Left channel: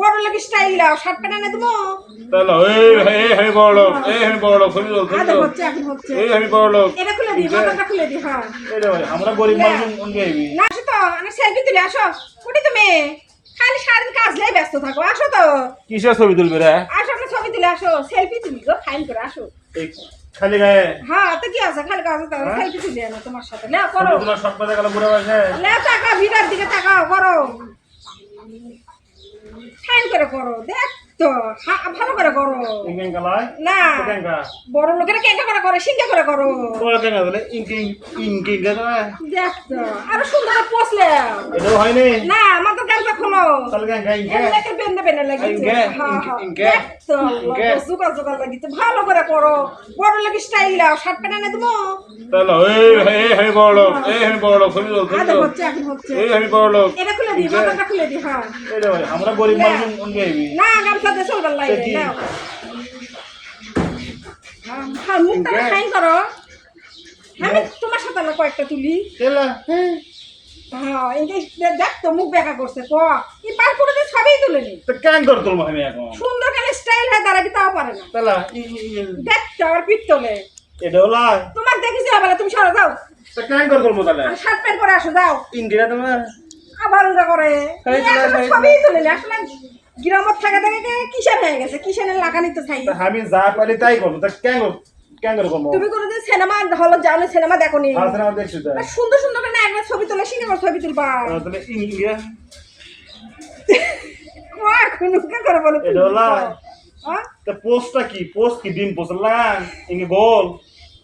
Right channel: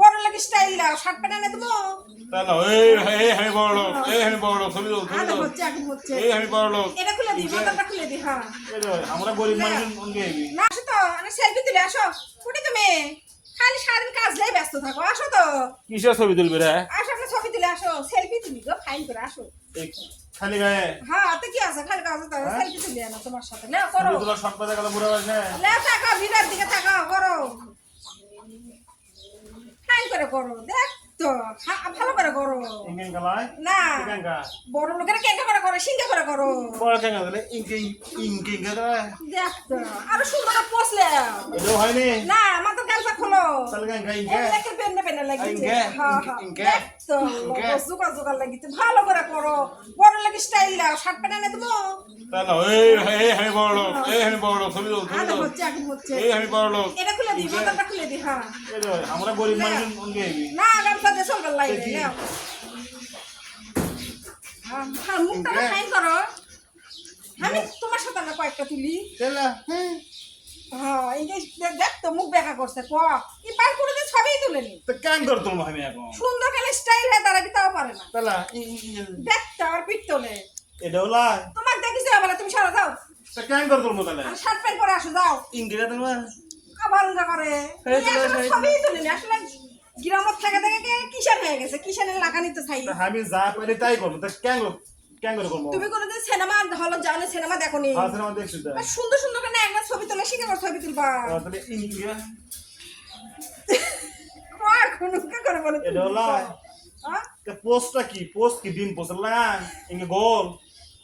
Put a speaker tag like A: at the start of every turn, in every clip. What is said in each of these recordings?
A: বড় লোক style shirt pant এনে দেবো।
B: তাহলে এই এই আমি বড় লোক এই আমি বড় লোক ছবি তোল ছবি
A: হচ্ছে এখন হচ্ছে।
B: এই আমি বড় লোক।
A: এটা খুলে মাথাটা খুলে দিই হ্যাঁ।
B: আমরা গরিব মানুষ কোন গাইবি
A: না আসো তো আমি সেলফি তুলে আসো। কোটি তুমি। খালি সারাদিন কাজ নিয়ে ব্যস্ত থাকো আসো তো।
B: কিসের ছবি তুলবি রে?
A: আসো ছবি তুলে আসো সেলফি তুলি গো ফাইন করে আসো।
B: খালি গায়ে?
A: হ্যাঁ তো কি আছে খালি সেলফি তুলি আনো তোমার সাথে। করো।
B: তোমার সব কথা গেল বুড়া বাসে
A: লে টাকা ভিড়ার দিকে তাকাও করো। করে করো দেখ তো ভালো করে করো। না বড় লোকেরা কেঙ্কা করে করে সিঙ্গা করে করো।
B: বড় কেঙ্গা দিলে ইঙ্গে ইঙ্গে ইঙ্গে গায়
A: দেখ তো আরও সুন্দর করে পোষলে।
B: হয়নি?
A: না আমাদের গানটা খোলো।
B: তাহলে
A: এমনিকে বেন্ডে বেন্ডে লাগিছে?
B: ইনকে,
A: হ্যাঁ হ্যাঁ লাগিছে ভালো করে করো বড় লোক স্টাইল শার্ট প্যান্ট এনে দেবো
B: তাহলে এই এই আমি বড় এই আমি বড় লোক ছবি তোল ছবি
A: হচ্ছে এখন হচ্ছে।
B: এই আমি বড়
A: এটা খুলে দিই মাথাটা খুলে দিই হ্যাঁ।
B: এই আমরা গরিব মানুষ কোন
A: না গামছা দিয়ে চলবার লাগে নাও। হ্যাঁ, হ্যাঁ মুখটা ফাইন করো। আমি তোমার সাথে কয়েকটা তুলি। হ্যাঁ দেখ তো মুখ দেখা করছে ক? কি পার করে দিয়ে সবই তুলে নি
B: তো কেন কর তোর আমি এখন?
A: সুন্দর কেন স্টাইল হয় দাঁড়াবি তাও পারে না।
B: তেলা
A: দেখ তো আবার পিঠ তোলে
B: এটা হলা
A: তোমার দেখিস আবার তুমি সরে যাও।
B: তো কেন কর তোর তাহলে?
A: আর শার্ট প্যান্ট পরে আসো যাও।
B: ইঙ্গিরা তোমার?
A: আবার উঙ্গা করে। সবই তুলে নি আসলে গ্রামত থাকে থাকে কিসের হয়ে গেছে কিসের লাগানি তো চাই।
B: আমি যা পারি তাই করব। তা কেন
A: তুমি কোনোদিন সিনেমা হল যাও সিনেমা দেখো নি সুন্দর সুন্দর করে না একবার ছবি তোলা শিখে আমার ছবি তুলবা।
B: ইঙ্গিরা
A: করে বলো।
B: এটা হলা
A: হ্যাঁ?
B: তা পোস্টটা কি? পোস্ট কি? ডিম পোস্ট লাগান? ইঙ্গে গোল?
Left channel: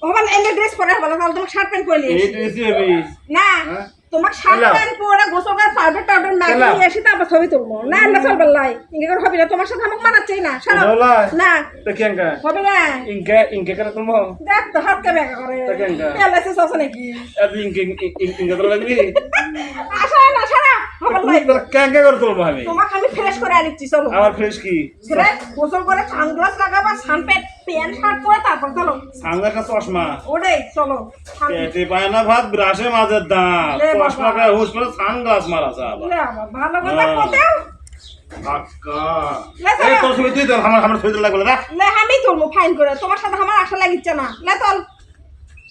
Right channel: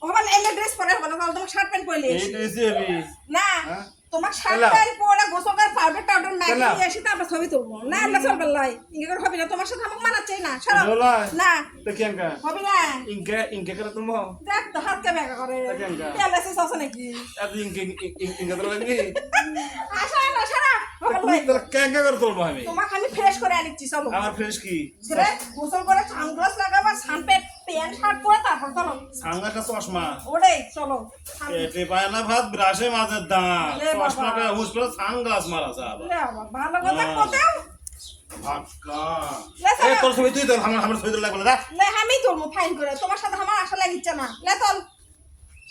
A: হবাল এনে ড্রেস পরে হবাল তাহলে তোমাকে শার্ট প্যান্ট পরে
B: এই এসি হবি।
A: না
B: হ্যাঁ?
A: তোমাকে শার্ট প্যান্ট পরে গোসল করে পাউডার টাউডার না। নিয়ে এসে তারপর ছবি তুলবো। না আল্লাহ চলবার লাই। ইঙ্গে করে হবে না তোমার সাথে আমাকে মানাচ্ছেই না সারা। না।
B: তা কেন
A: হবে না।
B: ইঙ্গে ইঙ্গে করে তুমি
A: দেখ তো হাত কে বেকা করে।
B: তা কেনকা?
A: পেলাইছে সস নাকি?
B: এত ইঙ্গে ইঙ্গে তো লাগবি।
A: আসা
B: করে তুলবো আমি।
A: ফ্রেশ করে আনিচ্ছি চলো।
B: আমার ফ্রেশ কি?
A: সেটা গোসল করে সানগ্লাস লাগাবা সানপ্যান্ট প্যান্ট শার্ট পরে তারপর চলো।
B: সামনে চশমা।
A: ওটাই চলো।
B: পেটে পায় না ভাত ব্রাশে মাঝের দাঁত। চশমা গায়ে হুস করে সানগ্লাস মারা
A: ভালো কথা
B: আমার আমার ছবি লাগবে না
A: আমি তুলবো ফাইন করে। তোমার সাথে আমার আশা লাগিচ্ছে না। লে চল।